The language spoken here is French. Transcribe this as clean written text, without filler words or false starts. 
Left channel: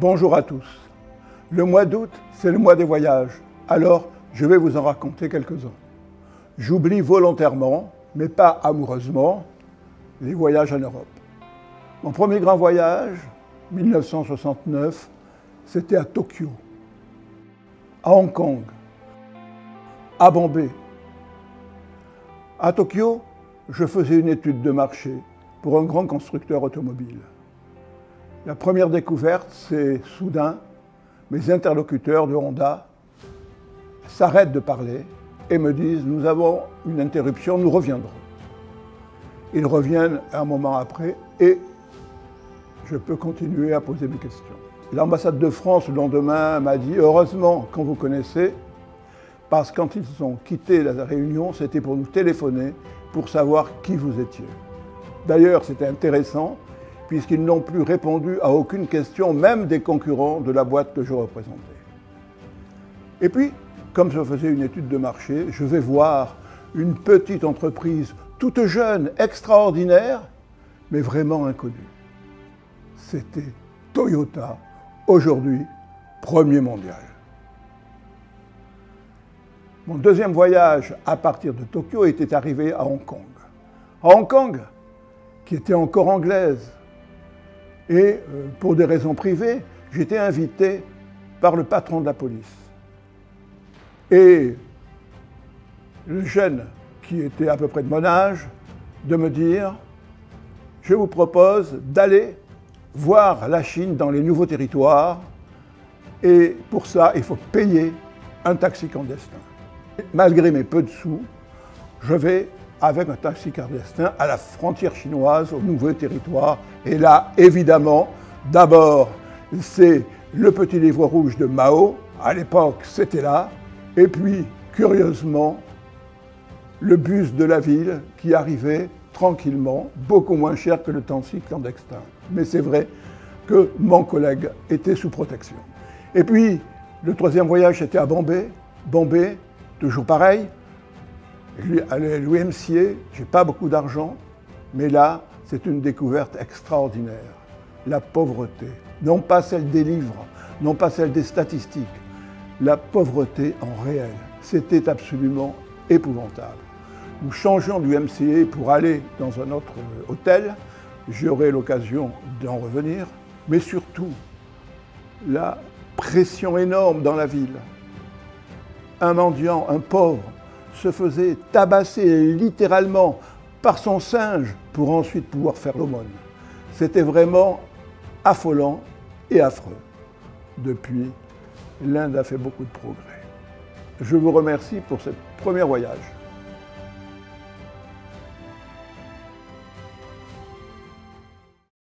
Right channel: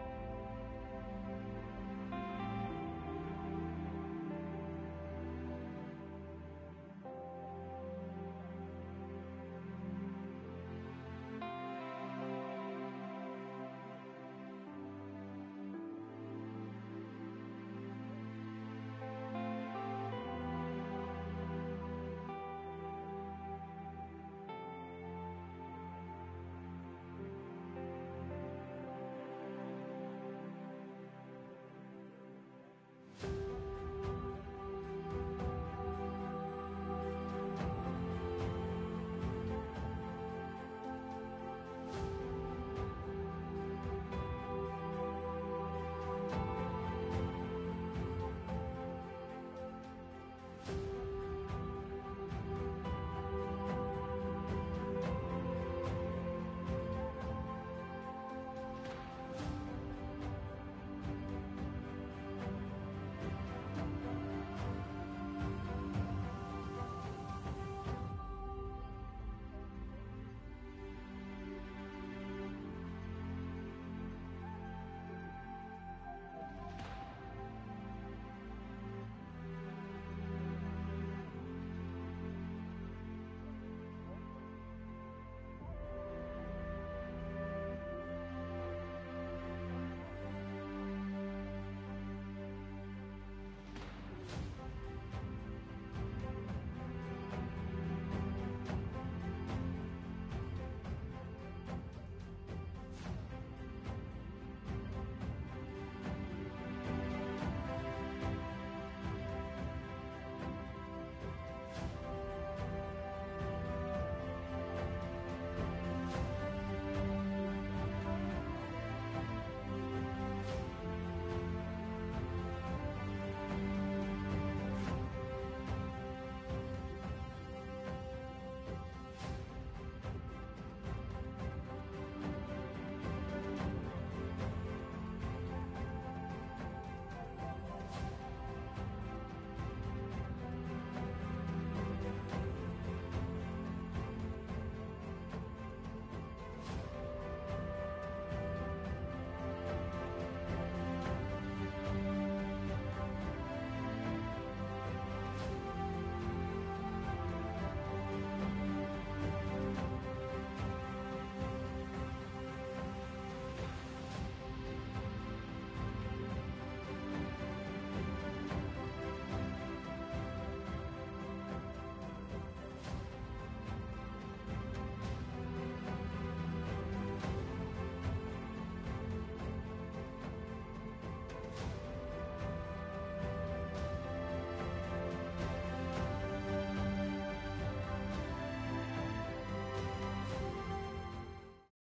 Bonjour à tous. Le mois d'août, c'est le mois des voyages. Alors, je vais vous en raconter quelques-uns. J'oublie volontairement, mais pas amoureusement, les voyages en Europe. Mon premier grand voyage, 1969, c'était à Tokyo, à Hong Kong, à Bombay. À Tokyo, je faisais une étude de marché pour un grand constructeur automobile. La première découverte, c'est soudain, mes interlocuteurs de Honda s'arrêtent de parler et me disent « Nous avons une interruption, nous reviendrons ». Ils reviennent un moment après et je peux continuer à poser mes questions. L'ambassade de France, le lendemain, m'a dit « Heureusement qu'on vous connaissait, parce que quand ils ont quitté la réunion, c'était pour nous téléphoner pour savoir qui vous étiez. » D'ailleurs, c'était intéressant, puisqu'ils n'ont plus répondu à aucune question, même des concurrents de la boîte que je représentais. Et puis, comme je faisais une étude de marché, je vais voir une petite entreprise toute jeune, extraordinaire, mais vraiment inconnue. C'était Toyota, aujourd'hui premier mondial. Mon deuxième voyage à partir de Tokyo était arrivé à Hong Kong. À Hong Kong, qui était encore anglaise, et pour des raisons privées, j'étais invité par le patron de la police. Et le jeune, qui était à peu près de mon âge, de me dire « Je vous propose d'aller voir la Chine dans les nouveaux territoires, et pour ça, il faut payer un taxi clandestin. » Malgré mes peu de sous, je vais avec un taxi clandestin à la frontière chinoise, au nouveau territoire. Et là, évidemment, d'abord, c'est le petit livre rouge de Mao. À l'époque, c'était là. Et puis, curieusement, le bus de la ville qui arrivait tranquillement, beaucoup moins cher que le taxi clandestin. Mais c'est vrai que mon collègue était sous protection. Et puis, le troisième voyage, c'était à Bombay. Bombay, toujours pareil. À l'UMCA, je n'ai pas beaucoup d'argent, mais là, c'est une découverte extraordinaire. La pauvreté, non pas celle des livres, non pas celle des statistiques, la pauvreté en réel. C'était absolument épouvantable. Nous changeons d'UMCA pour aller dans un autre hôtel, j'aurai l'occasion d'en revenir, mais surtout, la pression énorme dans la ville. Un mendiant, un pauvre, se faisait tabasser littéralement par son singe pour ensuite pouvoir faire l'aumône. C'était vraiment affolant et affreux. Depuis, l'Inde a fait beaucoup de progrès. Je vous remercie pour ce premier voyage.